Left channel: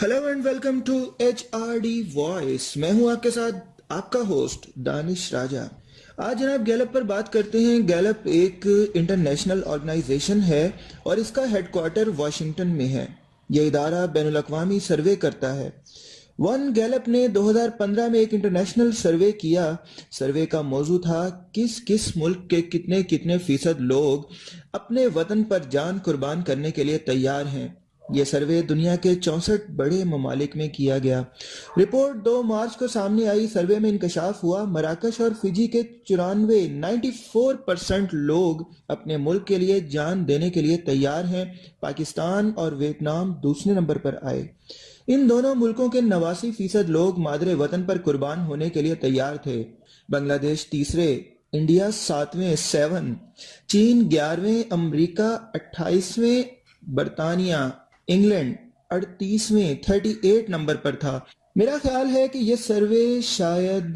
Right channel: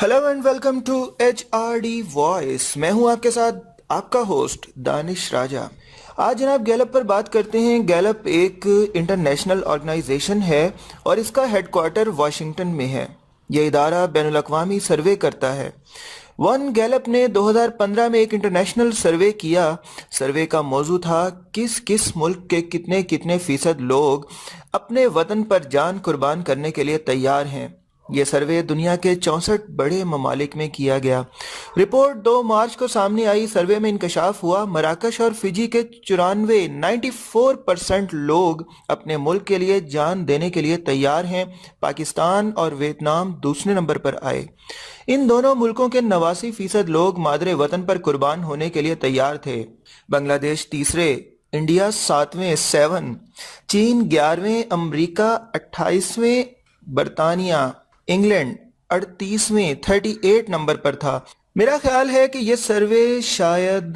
Hello and welcome to H R D voice. मैं हूं आपके साथ आपका होस्ट दानिश राजा। आज जनाब गैलप पर बात करते हैं। गैलप एक इंटरनेशनल ऑर्गेनाइजेशन है और इसका हेडक्वार्टर वाशिंगटन में है। यह इदारा बैनुल अक़वामी सर्वे करता है। वन गैलप ने 2015 में एक इंटरनेशनल सर्वे किया। सर्वे का मौजू था किस किस मुल्क के कितने कितने फीसद लोग अपने वतन पर जान कुर्बान करने के लिए तैयार हैं। ये सर्वे दुनिया के 64 बड़े ममालिक में किया गया। रिपोर्ट 2 मार्च को सामने आई। सर्वे में इंकशाफ हुआ मराकश और फिजी के 94% लोग अपने मुल्क के लिए जान देने के लिए तैयार हैं। पाकिस्तान और वियतनाम दूसरे नंबर पर आए। इन दोनों मुल्कों के 89% लोग मादरे वतन पर कुर्बान होने के लिए तैयार थे। बांग्लादेश तीसरे, इंडिया 7वें 7, चीन 11वें, अमरीका 28वें, बरतानिया इंग्लैंड 38वें 38 नंबर पर था। मेरा ख्याल है कि ये सर्वे शायद